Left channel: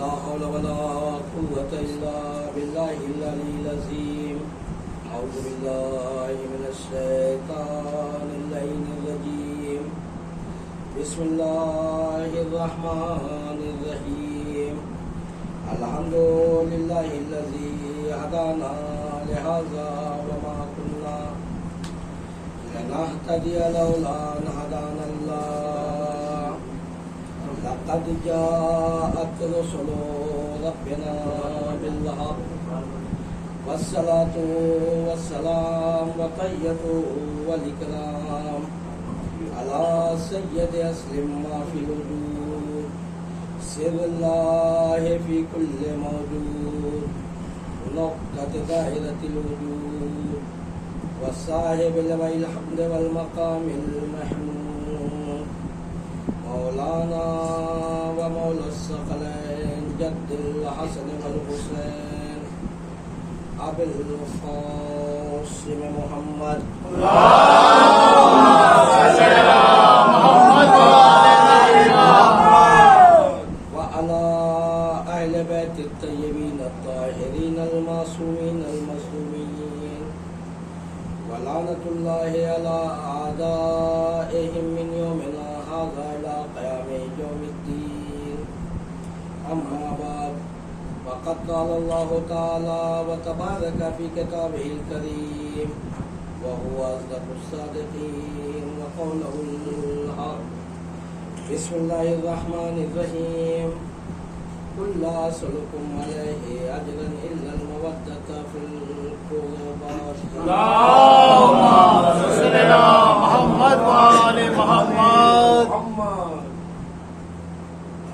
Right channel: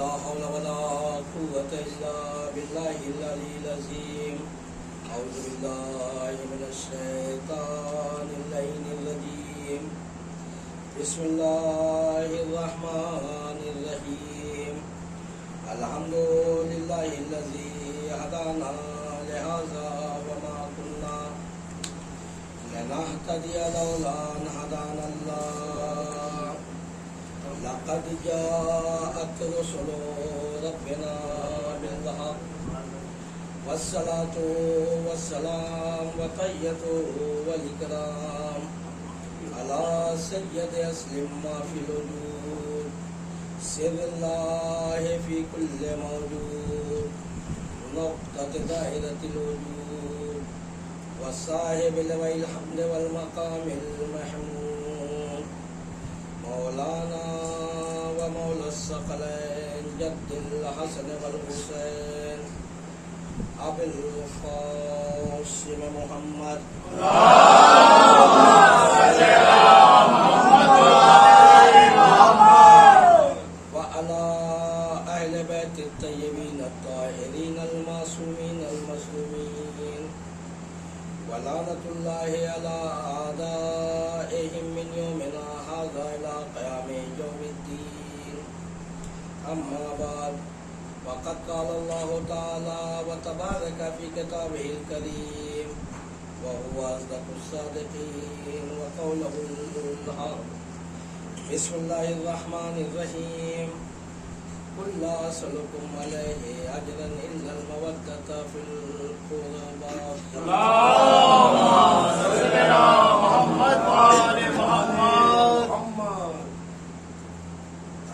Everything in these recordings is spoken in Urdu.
لا حول ولا قوة إلا بالله العلي العظيم. أعوذ بالله من الشيطان اللعين الرجيم. بسم الله الرحمن الرحيم. الحمد لله الذي هدانا لهذا وما كنا لنهتدي لولا أن هدانا الله. لقد جاءت رسل ربنا بالحق والصلاة والسلام وتحية والإكرام على سيد أسلم ما في الوجود سر الله في كل موجود نقطة ظاهرة الوجود والصاحب لوي الحمد والمقام المحمود مولانا ومولى الثقلين جد الحسن والحسين أبي القاسم محمد وعلى أهل بيت الطيبين الطاهرين المعصومين المظلومين ولعنة الله على أعدائهم من يومنا هذا إلى قيام يوم الدين. أما بعد وقد قال الله تعالى وتبارك في كتابه الكريم وهو أصدق الصادقين وقوله الحق. بسم الله الرحمن الرحيم. قل لا أسألكم عليه أجرا إلا المودة في القربى. اللهم صل على محمد وآل محمد.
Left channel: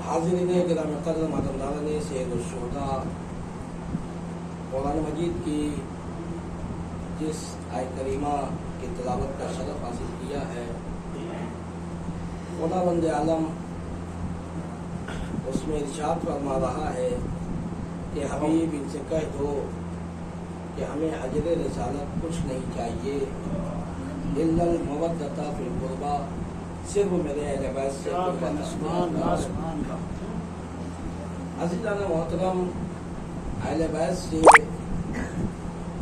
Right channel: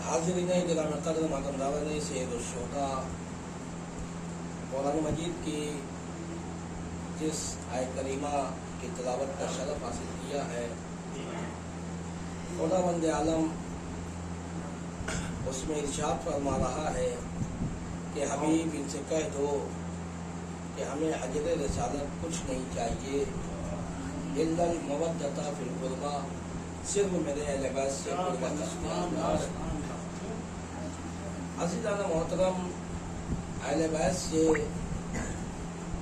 حاضرین گرامی قدر محترمانان سید الشہداء، قرآن مجید کی جس آیت کریمہ کی تلاوت کا شرف حاصل کیا ہے، خداوند عالم اس میں ارشاد فرما رہا ہے کہ حبیب ان سے کہہ دو کہ ہمیں اجر رسالت کچھ نہیں چاہیے الا المودۃ فی القربى، صرف میرے اہل بیت سے قربت عزیزان محترم، اہل بیت سے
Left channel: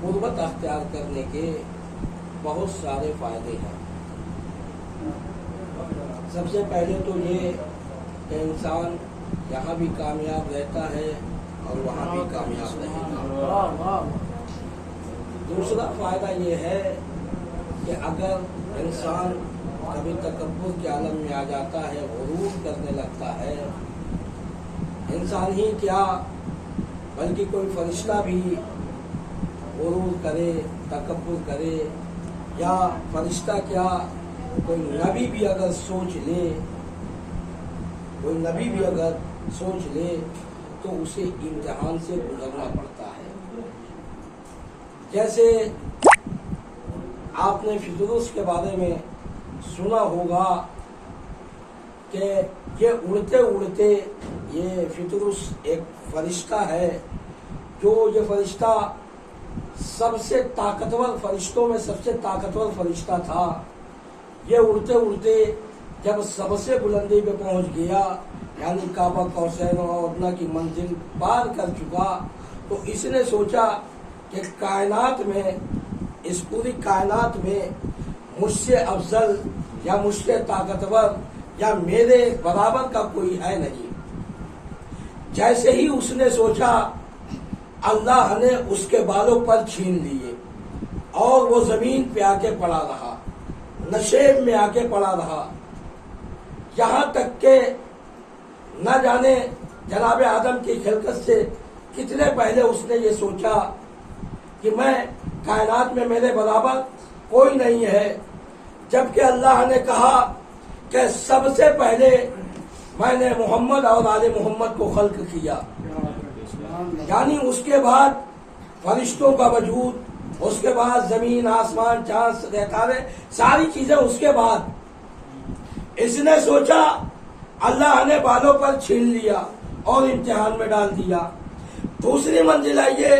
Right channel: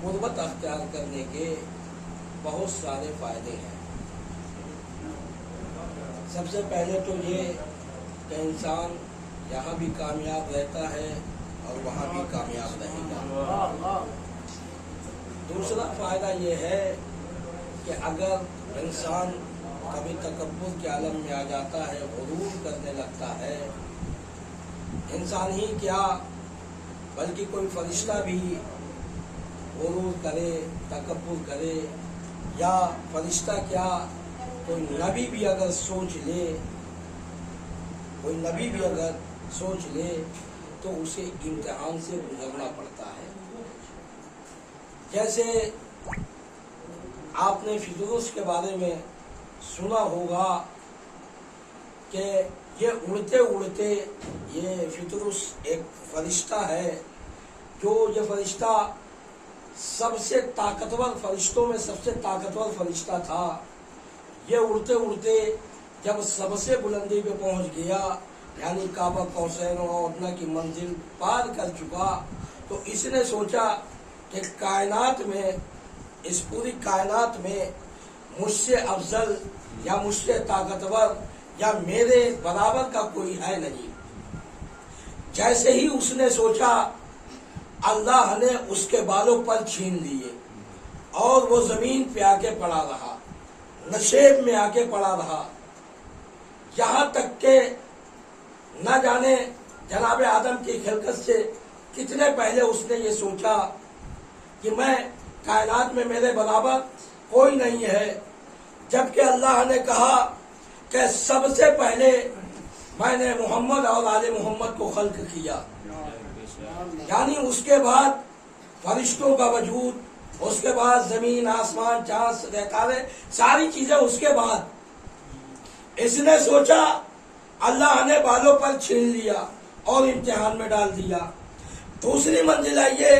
قربت اختیار کرنے کے بہت سارے فائدے ہیں۔ سب سے پہلے تو یہ کہ انسان یہاں بھی کامیاب رہتا ہے اور وہاں بھی کامیاب رہے گا۔ دوسرا فائدہ یہ ہے کہ اگر انسان کبھی تکبر کے عالم میں آ جاتا ہے، غرور کرنے لگتا ہے، انسان ہی کیا بلکہ کوئی فرشتہ بھی غرور کرے، تکبر کرے، یا فرشتہ کیا کوئی نبی بھی اگر سوچ لے تو اسے امتحان سے گزرنا پڑتا ہے۔ جیسے آپ نے فطرس کے بارے میں سنا ہوگا کہ یہ اڑتے اڑتے، یہ فطرس ایک فرشتہ ہے، جو یہ فرشتہ سب سے طاقتور فرشتوں میں سب سے طاقتور فرشتہ تھا۔ یہ اڑتے اڑتے جب سب سے بلندی پہ پہنچ گیا، یعنی کعبہ قوسین و ادنیٰ کی منزل پار کر چکا، تو اس نے سوچا کہ کائنات میں، اس پوری کائنات میں مجھ سے افضل یا مجھ سے طاقتور یا میرے برابر کا کوئی ہے نہیں۔ جیسے ہی اس نے سوچا، اللہ نے اس کے بالوں پر چھین لیے اور وہ زمین پہ آ کے پڑا رہا، نشیب میں آ کے پڑا رہا، یہاں تک کہ نہ جانے جناب آدم کی خلقت سے کتنے پہلے اس نے یہ سوچا کہ میں کائنات میں میرے برابر کوئی نہیں ہے، جبکہ اللہ نے کہا کہ سب سے پہلے میں نے محمد اور آل محمد کو خلق کیا. یعنی اس کے بعد فرشتوں کا وجود، اس کے بعد زمین آسمان چاند ستارے ساری چیزیں اس کے بعد. اس نے سوچا اللہ نے بالوں پر چھین لیا اور امتحان میں ڈال دیا. دوسری منزل ہے یہ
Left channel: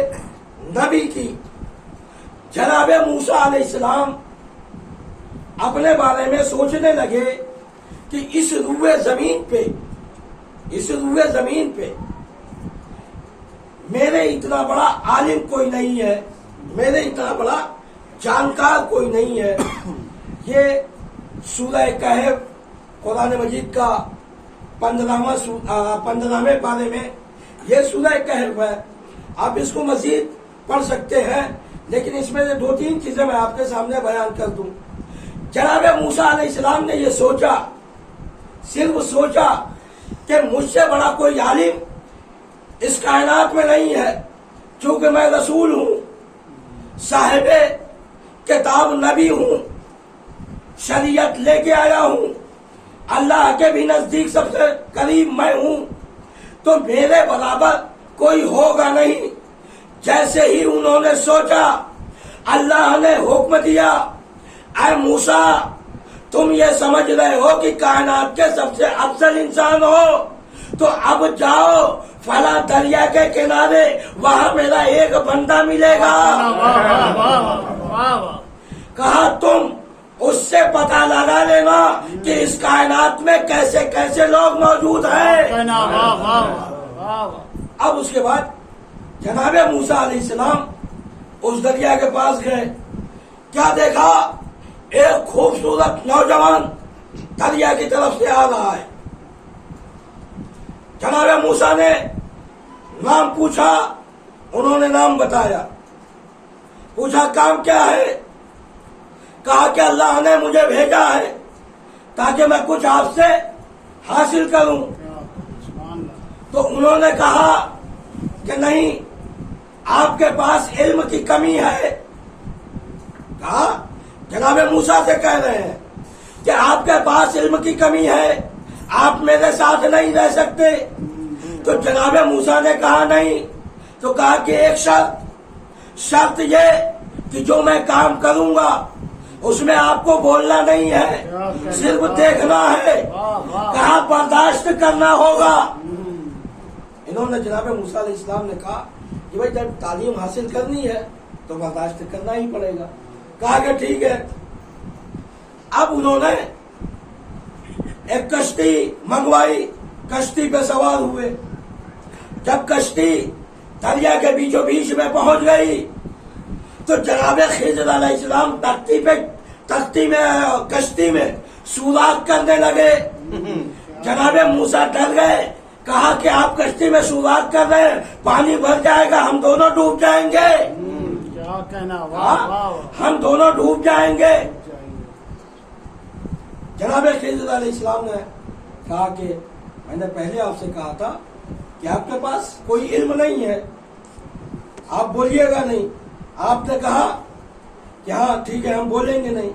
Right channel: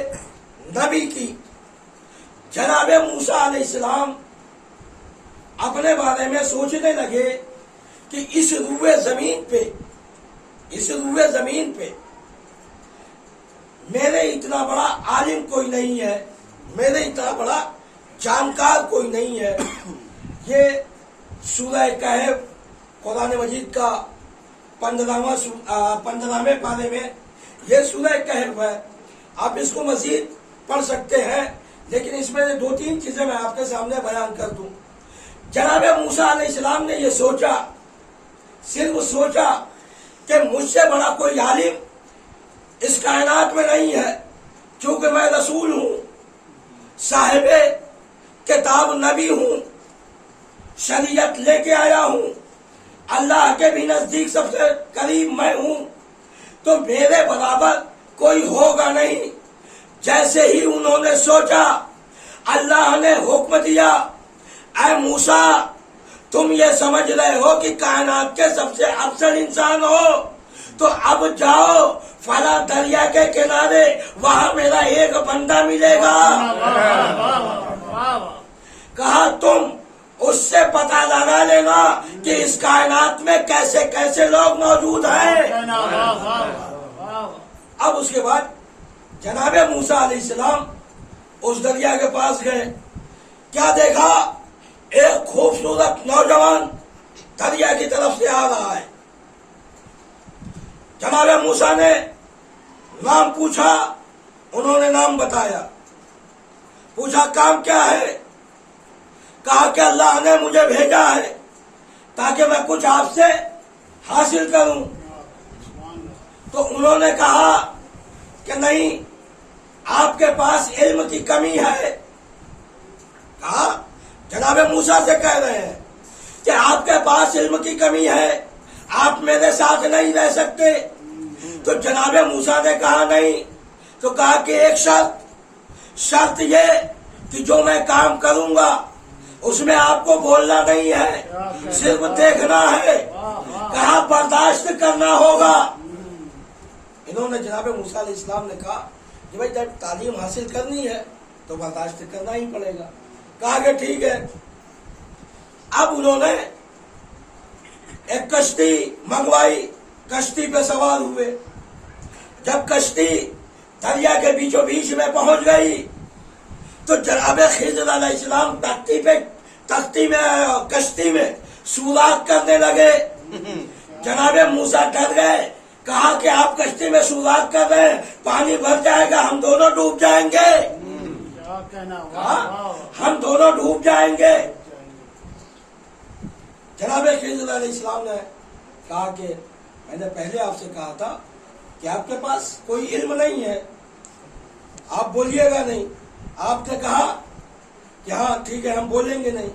نبی کی. جناب موسیٰ علیہ السلام اپنے بارے میں سوچنے لگے کہ اس روئے زمین پہ میرے اتنا بڑا عالم کوئی نہیں ہے، میرے اتنا بڑا جانکار کوئی نہیں ہے. یہ سورہ کہف قرآن مجید کا 15ویں پارے میں یہ سورہ کہف ہے. آپ اس کو مزید پڑھ سکتے ہیں، لیکن اس میں 2-3 چیزیں میں آپ کے سامنے بیان کر دوں. جناب موسیٰ علیہ السلام نے یہ سوچا، صرف سوچا کہ مجھ سے بڑا کوئی عالم اس کائنات میں نہیں ہے، کیونکہ میں رسول ہوں، صاحب کتاب نبی ہوں، شریعت لے کے آیا ہوں، اللہ کے بھی نزدیک سب سے قریب میں ہوں، تو میرے برابر کوئی ہوگا نہیں. جیسے ہی انہوں نے سوچا، اللہ نے حکم دیا، اے موسیٰ تم یہ سمجھ رہے ہو کہ کائنات کے سب سے افضل انسان ہو، تو اب جاؤ فلاں دریا کے کنارے، وہاں میرا ایک بندہ ملے گا. کہا تم اس سے پتہ لگا لینا کہ اس کائنات میں کیسے کیسے لوگ موجود ہیں. اب اس کے بعد جناب موسیٰ علیہ السلام اس دریا کے پاس گئے. کیا دیکھا؟ ایک خوبصورت نوجوان دریا کی طرف سے آ رہا ہے. جناب موسیٰ نے نام پوچھا، انہوں نے نام بتایا. پوچھا کام کیا ہے؟ کہا کہ اللہ نے مجھے بھیجا ہے تاکہ میں کچھ آپ سے حاصل کروں. تو انہوں نے کہا کہ نہیں، آپ کے پاس علم کی کمی ہے. کہا جناب موسیٰ سے کہہ رہے ہیں کہ آپ کے پاس علم کی کمی ہے، آپ میرے ساتھ نہیں رہ سکتے. تو جناب موسیٰ نے کہا نہیں. تو کہا کہ ایک شرط یہ کہ جو میں کام کروں گا اس میں آپ کو بولنا نہیں ہے، صرف دیکھنا ہے. کہا برداشت کرنا ہوگا. انہوں نے جناب موسیٰ علیہ السلام نے کہا کہ بھائی جب تعلیم حاصل کرنی ہے تو برداشت کرنا ہی پڑے گا. کہا کہ ٹھیک ہے. اب انہوں نے ایک کشتی منگوائی، کشتی پہ سوار ہوئے. جب کشتی دریا کے بیچوں بیچ میں پہنچ گئی تو جناب خضر علیہ السلام کشتی میں سوراخ کرنے لگے. جناب موسیٰ ڈر گئے. کہا کہ آپ کشتی میں سوراخ کر رہے ہیں، پانی بھر جائے گا، ہم دونوں ڈوب جائیں گے. ہم دونوں ڈوب جائیں گے. جناب خضر علیہ السلام نے کہا کہ میں نے پہلے آپ سے کہا تھا کہ آپ کے پاس کوئی علم نہیں ہے، آپ بولیے گا نہیں. آپ نے کہا کہ ہاں ٹھیک ہے ہم بولیں گے نہیں.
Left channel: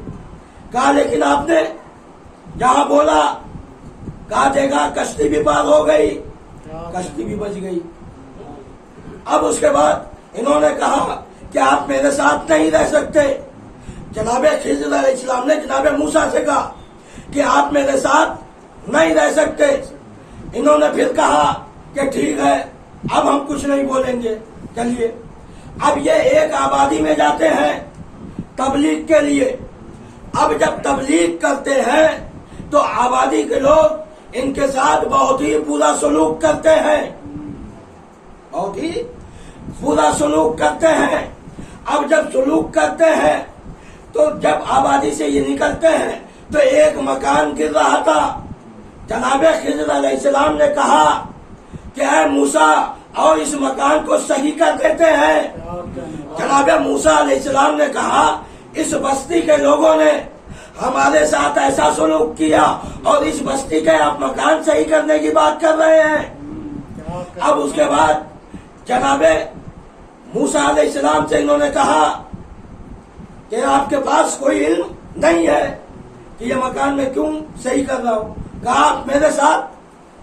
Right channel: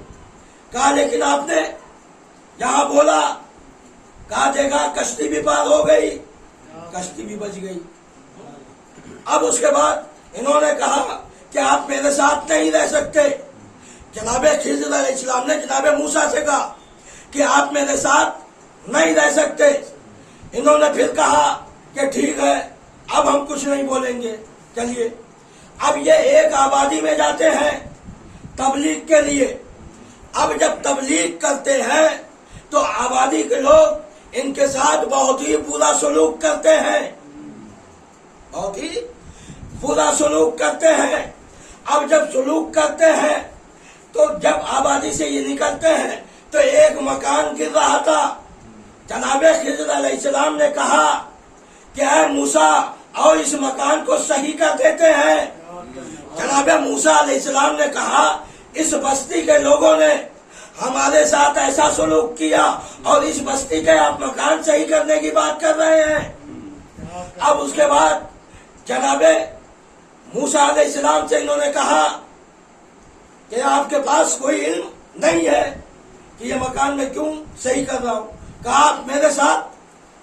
کہا لیکن آپ نے جہاں بولا، کہا دیکھا کشتی بھی پار ہو گئی، کشتی بھی بچ گئی. اب اس کے بعد انہوں نے کہا کہ آپ میرے ساتھ نہیں رہ سکتے. جناب خضر علیہ السلام نے جناب موسیٰ سے کہا کہ آپ میرے ساتھ نہیں رہ سکتے. انہوں نے پھر کہا کہ ٹھیک ہے اب ہم کچھ نہیں بولیں گے، چلیے. اب یہ ایک آبادی میں جاتے ہیں تبلیغ کے لیے. اب جب تبلیغ کرتے ہیں تو آبادی کے لوگ ان کے ساتھ بہت ہی برا سلوک کرتے ہیں، بہت ہی برا سلوک کرتے ہیں. اب جب سلوک کرتے ہیں تو جب آبادی سے یہ نکلتے ہیں تو ایک مکان گر رہا تھا. جناب خضر علیہ السلام نے کہا کہ اے موسیٰ اور اس مکان کو صحیح کر دیتے ہیں. جناب موسیٰ علیہ السلام نے کہا اس بستی کے لوگوں نے ہمارے ساتھ ایسا سلوک کیا اور اس بستی کے آپ مکان صحیح کرنے کی بات کر رہے ہیں. اب اس کے بعد جناب موسیٰ علیہ السلام سے انہوں نے کہا کہ آپ کے پاس کوئی علم نہیں ہے کہ یہ مکان میں کیوں صحیح کر رہا ہوں. کہا آپ میرے ساتھ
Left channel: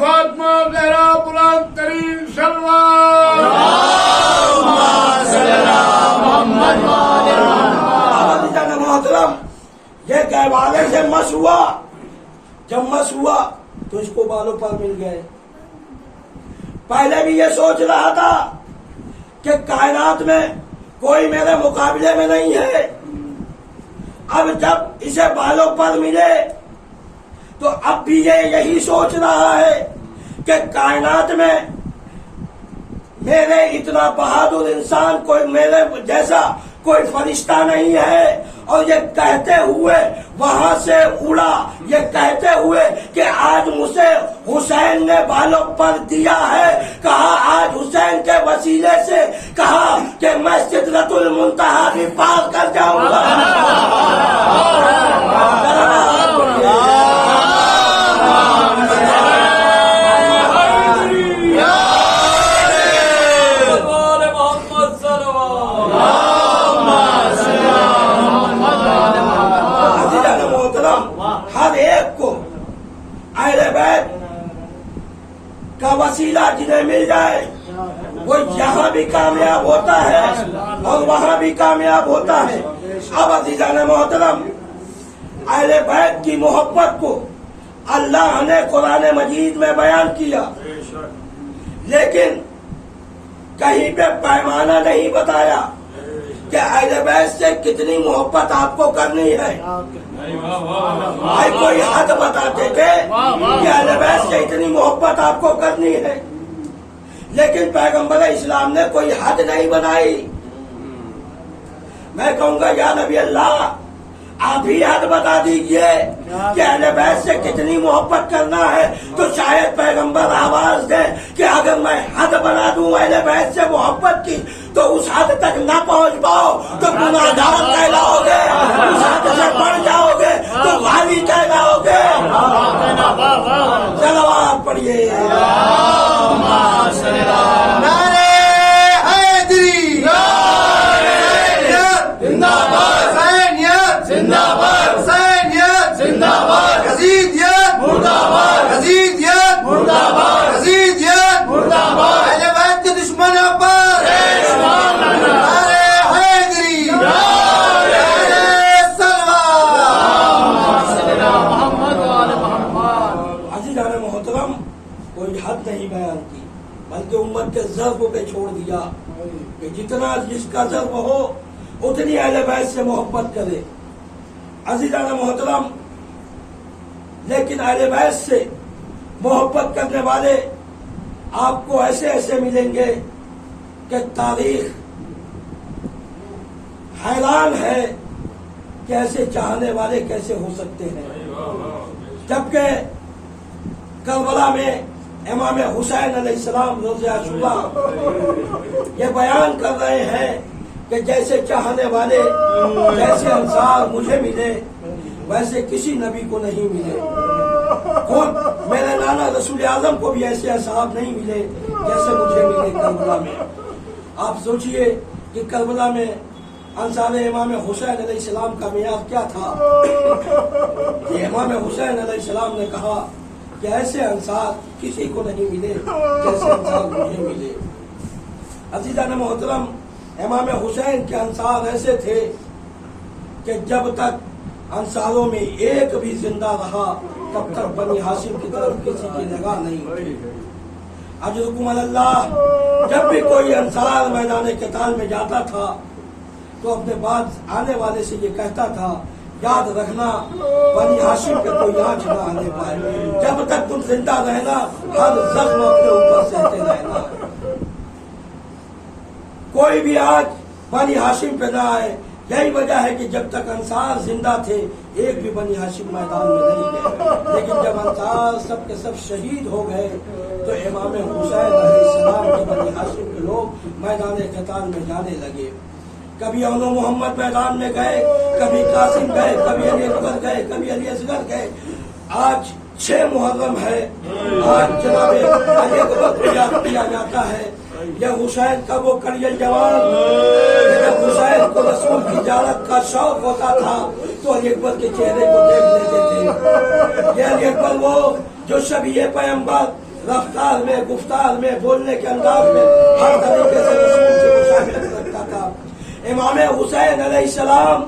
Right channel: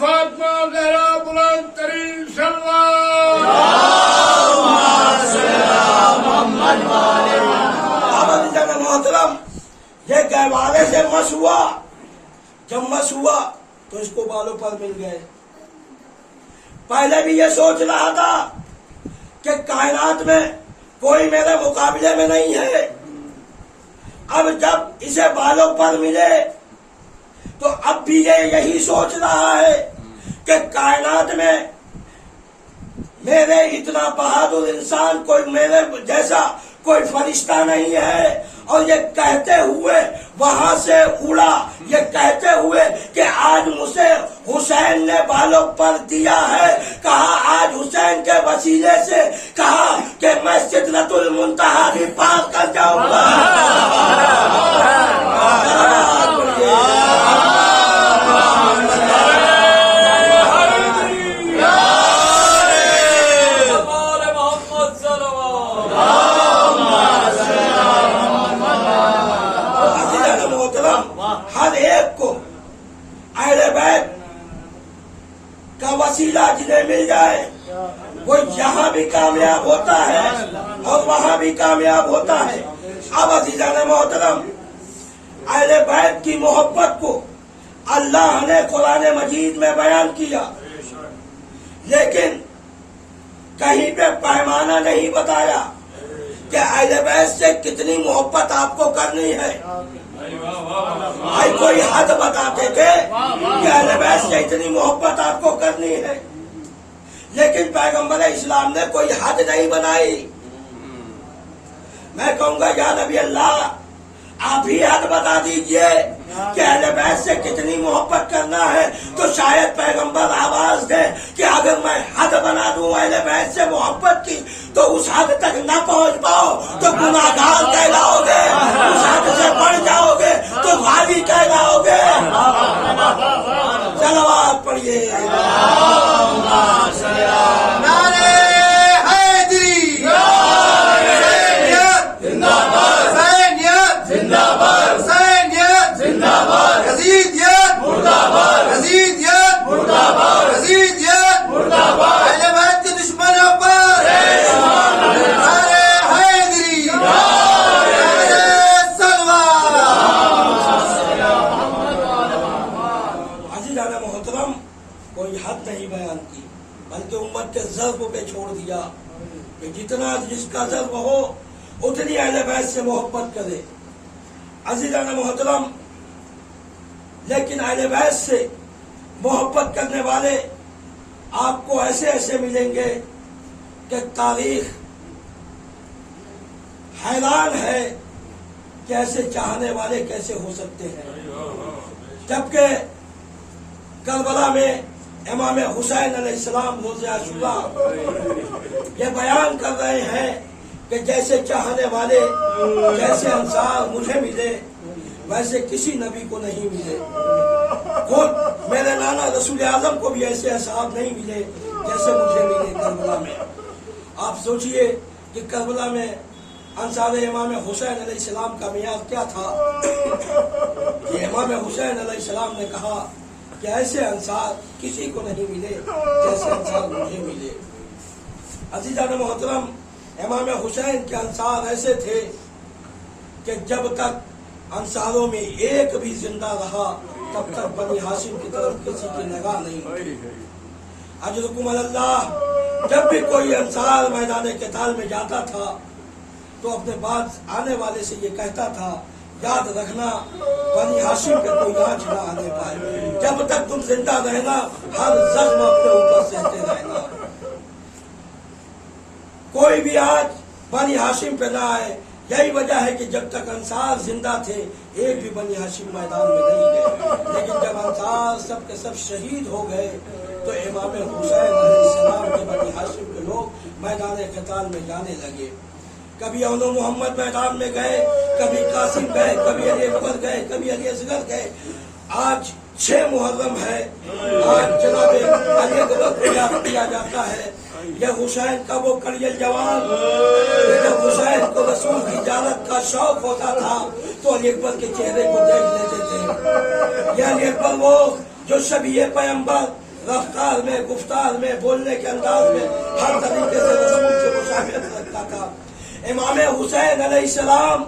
فاطمہ زہرا بلند ترین محترم، یہ گہوارے سے مس ہوا، جب مس ہوا تو اس کو بالوں پر مل گئے۔ پہلے بھی یہ سوچ رہا تھا کہ کائنات میں کوئی میرے مقابلے میں نہیں ہے، اب جب اسے بالوں پر ملے تو اب بھی یہ یہی سوچ رہا ہے کہ کائنات میں میرے اتنا بہادر انسان کوئی میرے جیسا کوئی فرشتہ نہیں ہے، اور یہ کہتے ہوئے وہاں سے اڑا، یہ کہتے ہوئے کہ آج مجھے حسین نے بالوں پر دیا ہے، کہا آج حسین کے وسیلے سے کہا کہ میں سدرۃ المنتہا بھی پار کر جاؤں گا۔ ہر ایک کو اہل بیت کا وسیلہ جنہیں مل جائے وہ یہاں بھی کامیاب ہوتا ہے اور وہاں بھی کامیاب ہوتا ہے۔ اب عزیزان محترم، اہل بیت کی محبت کو اللہ نے قرآن مجید میں بیان کیا، لیکن کہیں پہ پیمانہ نہیں بتایا کہ اہل بیت سے کتنی محبت آپ کو کرنی ہے۔ کوئی حد بتاتے تھے کہ اہل بیت سے اتنی محبت آپ کو کرنی ہے، لیکن پیغمبر اسلام نے کوئی حد نہیں بنائی۔ میں کہوں گا یا نبی اللہ، آپ ہی حد بتا دیجئے کہ اہل بیت سے کتنی محبت کرنا ہے، تو شاید پیغمبر آواز دیں کہ اگر میں حد بنا دوں اہل بیت سے محبت کی تو اس حد تک نہ پہنچ پاؤ تو گناہگار کہلاؤ گے، اس حد سے بڑھ جاؤ گے تو غاوی کہلاؤ گے۔ صلوات پڑھیے۔ محترم، کوئی حد نہیں بیان کی، بلکہ امت کے ضرب پہ چھوڑ دیا کہ جتنا جس کا ضرب ہو اتنی اہل بیت سے محبت کرے۔ عزیزان محترم، لیکن اہل بیت سے محبت کرنے والے آپ کو ایسے ایسے ملیں گے کہ تاریخ حیران ہے کہ ایسے چاہنے والے کیسے ہو سکتے ہیں۔ جبکہ کربلا میں امام حسین علیہ السلام روز عاشوراء یہ بیان کر رہے ہیں کہ جیسے چاہنے والے، جیسے انصار مجھے ملے ویسے کسی نبی کو نہیں ملے، خود میرے نانا رسول اعظم کو بھی ایسے اصحاب نہیں ملے جیسے مجھے ملے کربلا میں۔ آپ سوچئے کہ کربلا میں انصار امام حسین علیہ السلام کا معیار کیا تھا کہ امام حسین علیہ السلام نے کہا کہ ایسے انصار کسی کو نہیں ملے جیسے انصار مجھے ملے۔ عزیزان محترم، امام حسین کے انصار ایسے تھے کہ جب تک انصاروں میں ایک بھی زندہ رہا تب تک بنی ہاشم کی طرف کسی کی نگاہ نہیں ہوئی۔ اجرکم اللہ، جب بھی کوئی انصار میدان قتال میں جاتا تھا تو اپنے بعد آنے والے سے یہ کہتا تھا یاد رکھنا بنی ہاشم پہ کوئی آنچ نہ آنے پائے، جب تک تم زندہ رہنا ہر زخم اپنے اوپر سہتے رہنا، کوئی بھی آنچ بنی ہاشم پہ نہ آئے۔ یہی وجہ ہے کہ جب تک انصار زندہ تھے ایک بھی بنی ہاشم میدان میں نہیں گئے، لیکن جب انصار سب کے سب شہید ہو گئے تو امام حسین علیہ السلام کے بنی ہاشم کے لوگ میدان قتال میں جانے لگے۔ کبھی اونو محمد میدان میں گئے، کبھی قاسم گئے، کبھی علی اکبر گئے، کبھی علی اصغر گئے۔ آج 6 محرم ہے، آج جناب علی اکبر کو یاد کیا جاتا ہے یہ حسین کا وہ کریل جوان، جب حسین کو رسول کی زیارت کا شوق ہوتا تھا تو علی اکبر کے چہرے کو دیکھ لیتے تھے۔ یہ علی اکبر وہ جو شبیہ پیغمبر رفتار میں، گفتار میں، بولنے کے انداز میں ہر طریقے سے رسول سے مشابہت رکھتا تھا۔ امام حسین علیہ السلام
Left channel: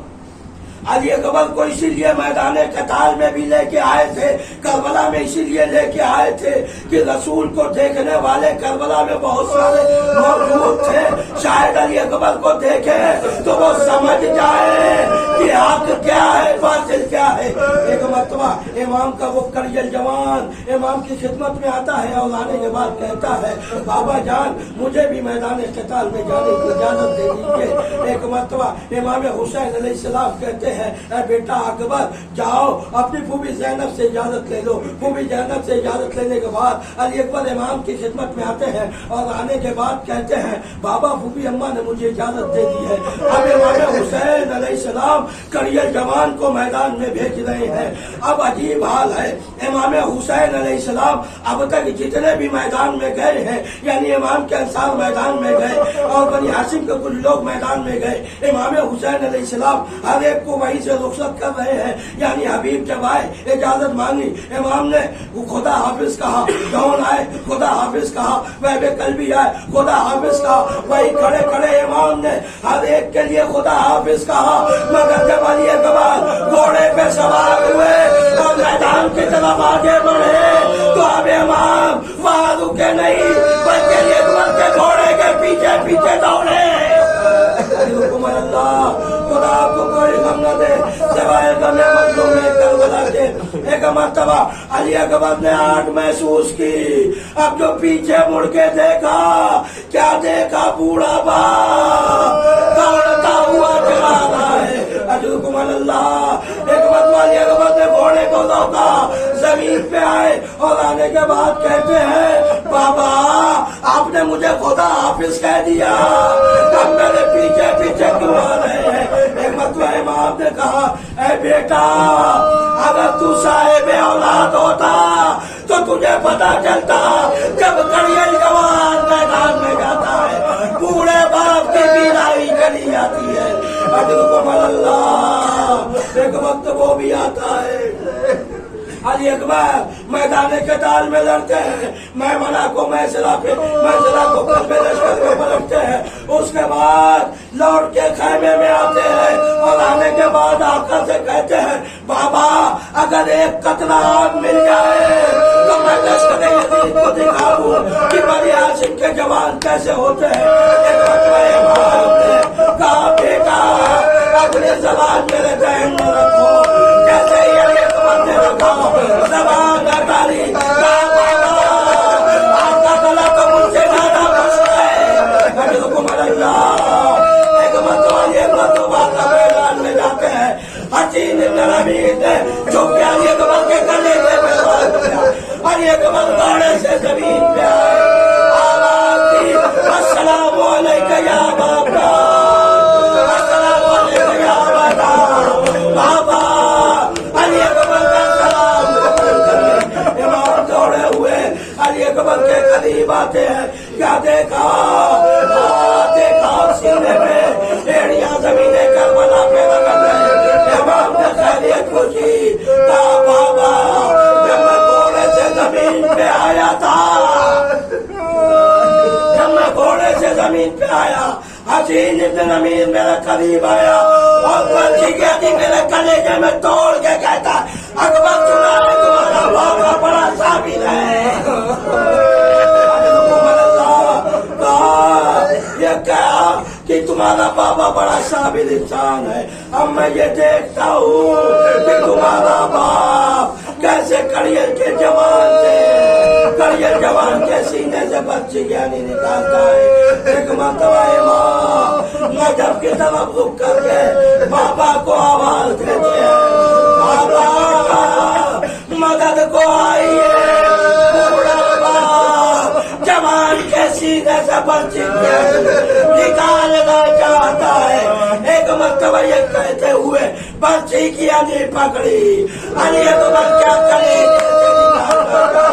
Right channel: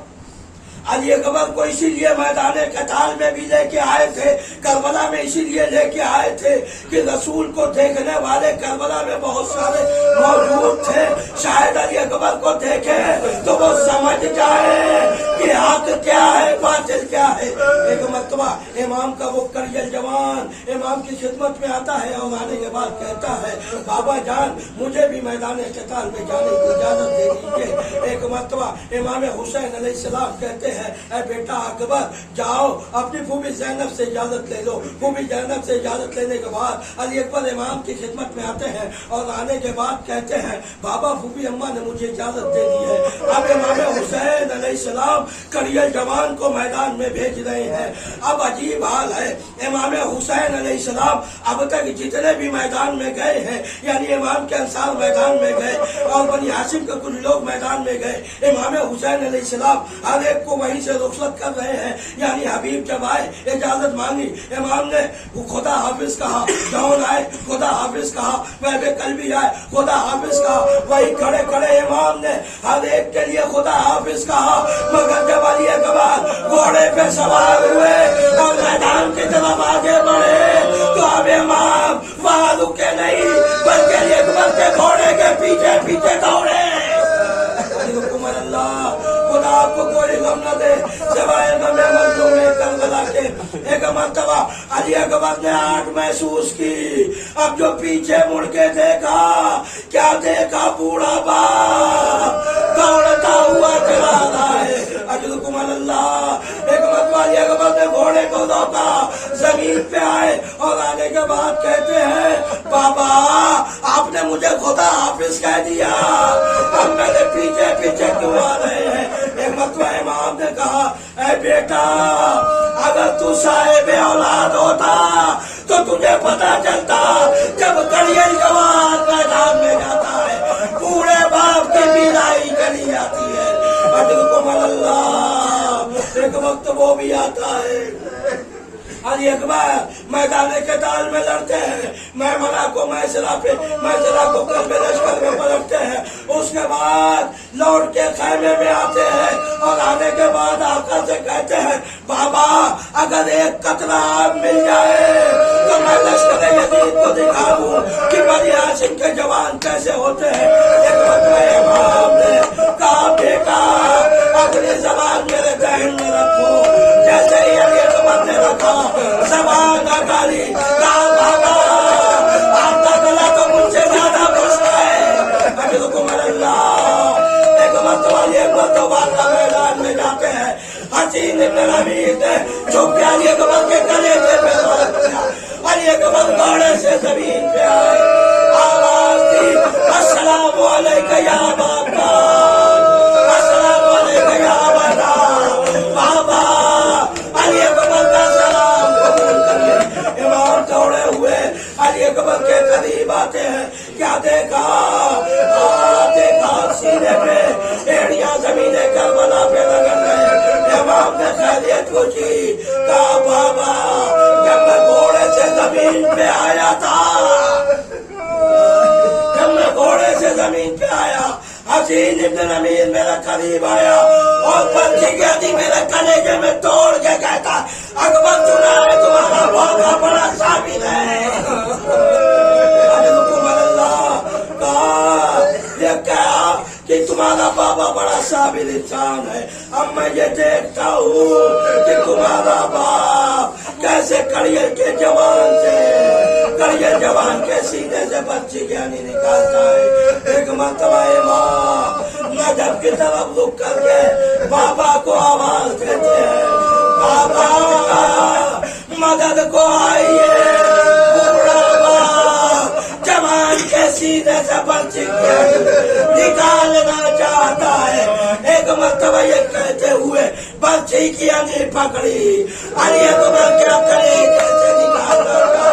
علی اکبر کو اسی لیے میدان قتال میں بھی لے کے آئے تھے، کربلا میں اسی لیے لے کے آئے تھے کہ رسول کو دیکھنے والے کربلا میں بہت سارے موجود تھے، شاید علی اکبر کو دیکھے تو وہ سمجھ جائے کہ حق کیا ہے، باطل کیا ہے۔ ایک مرتبہ امام کا وہ کریل جوان امام کی خدمت میں آتا ہے اور آنے کے بعد کہتا ہے بابا جان مجھے بھی میدان قتال میں جانے کی اجازت دے دیجیے۔ ایک مرتبہ امام حسین علیہ السلام کہتے ہیں اے بیٹا اکبر جاؤ اپنی پھوپھی زینب سے اجازت لے لو۔ پھوپھی زینب سے اجازت لینے کے بعد علی اکبر امام کی خدمت میں آتے ہیں اور آنے کے بعد کہتے ہیں بابا پھوپھی اماں نے مجھے اجازت دے دی ہے۔ اب امام حسین علیہ السلام کریل جوان کو میدان میں بھیج رہے ہیں۔ اب عجیب حال ہے، امام حسین علیہ السلام اب تک جتنے بھی میدان میں گئے ہیں، یعنی امام کے انصار میدان میں گئے اور بنی ہاشم کے کچھ لوگ میدان میں گئے، امام حسین علیہ السلام ہر ایک کو وہیں سے رخصت کر رہے ہیں۔ یعنی حبیب جب آئے اجازت مانگی، امام نے خدا حافظ کہا، جون آئے خدا حافظ کہا، وہب کل بھی آئے خدا حافظ کہا، وہی کھڑے کھڑے امام نے ہر ایک کے لیے خدا حافظ کہا۔ مگر جب علی اکبر گھوڑے پہ سوار ہوئے اور میدان کی طرف آگے بڑھے تو اب امام وہاں رکے نہیں بلکہ علی اکبر کے گھوڑے کے پیچھے پیچھے دوڑے۔ حکمت اللہ خدا آپ کو کوئی غم نہ دے سوائے غم مظلوم کربلا کے۔ ایک مرتبہ علی اکبر نے آنکھ محسوس کی، اب جو پیچھے مڑ کے دیکھا کیا دیکھا، بوڑھا باپ دوڑتا ہوا چلا رہا ہے۔ حکمت اللہ ایک مرتبہ علی اکبر نے گھوڑے کو روکا، زمین پہ آئے اور آنے کے بعد کہتے ہیں بابا آپ نے مجھے خدا حافظ کہہ دیا، اب میرے پیچھے پیچھے کیوں آ رہے ہیں؟ ایک مرتبہ امام نے کہا اے بیٹا اگر تو صاحب اولاد ہوتا تو تجھے پتا چلتا جب کریل جوان میدان میں جاتا ہے بوڑھے باپ کی پیرائی کری جاتی ہے۔ حکمت اللہ ایک وقت وہ بھی آتا ہے، علی اکبر میدان قتال میں لڑتے ہیں، میمنہ کو میسرہ کو قلب لشکر میں پلٹتے ہیں، اس کے بعد لوٹ کے خیمے میں آتے ہیں اور آنے کے بعد آقا سے کہتے ہیں بابا اگر ایک قطرہ آگ مل جائے تو میں لشکر یزید کو دکھا دوں کہ بنی ہاشم کے جوان کیسے ہوتے ہیں۔ امام نے کہا بیٹا اپنی زبان میرے ذہن میں رکھو، جیسے ہی علی اکبر نے رکھا زبان اکالی آپ کا گلا تو مجھ سے زیادہ بستا ہے۔ حکمت اللہ ایک مرتبہ تو بات کا میدان میں جاتے ہیں، حسین بن حمید جو کہ علی اکبر کے گلے کے پیغام کیا، علی اکبر گھوڑے سے زمین پہ آئے، آواز دی السلام علیکہ یا بابا، السلام علیکہ یا بابا، بابا علی اکبر کا سلام قبول کریے۔ امام دوڑے ہوئے علی اکبر کے قریب آتے ہیں، کیا دیکھا سینے پہ ایڑیاں زمین کربلا پہ لگا گئے۔ امام نے خیریت پوچھی، کہا بابا جب میں گھوڑے سے زمین پہ آیا تھا، جب میں گھوڑے سے زمین پہ آیا حسین ابن امیر میرے قریب آیا اور بلکہ کہتی میرے کلیجے میں توڑ کے کہتا اکبر سنا ہے تمہارا بہت بڑا ثابت ہے۔ یہ کہا کہ تمہارا بابا بڑا صابر انسان ہے، اب میں یہ دیکھتا ہوں کہ تمہارا باپ کیسے کریل کے جوان سے کریل جوان کے سینے سے بچی گیانی نکالتا ہے۔ ایک مرتبہ امام نجف کی طرف رک کر کے بابا کو آواز دیتے ہیں، بابا مدد کو آئیے، جوان کے سینے سے بچی نکالنا چاہتا ہے۔ ایک مرتبہ یہ کہتے ہوئے بچی کی انگلی پکڑی، علی اکبر کا کلیجے سے نکالنا چاہتا ہے۔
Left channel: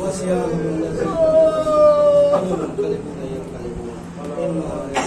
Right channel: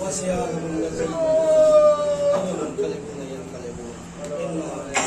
وسيان بالذي أمن كلمة ينقلبون إنا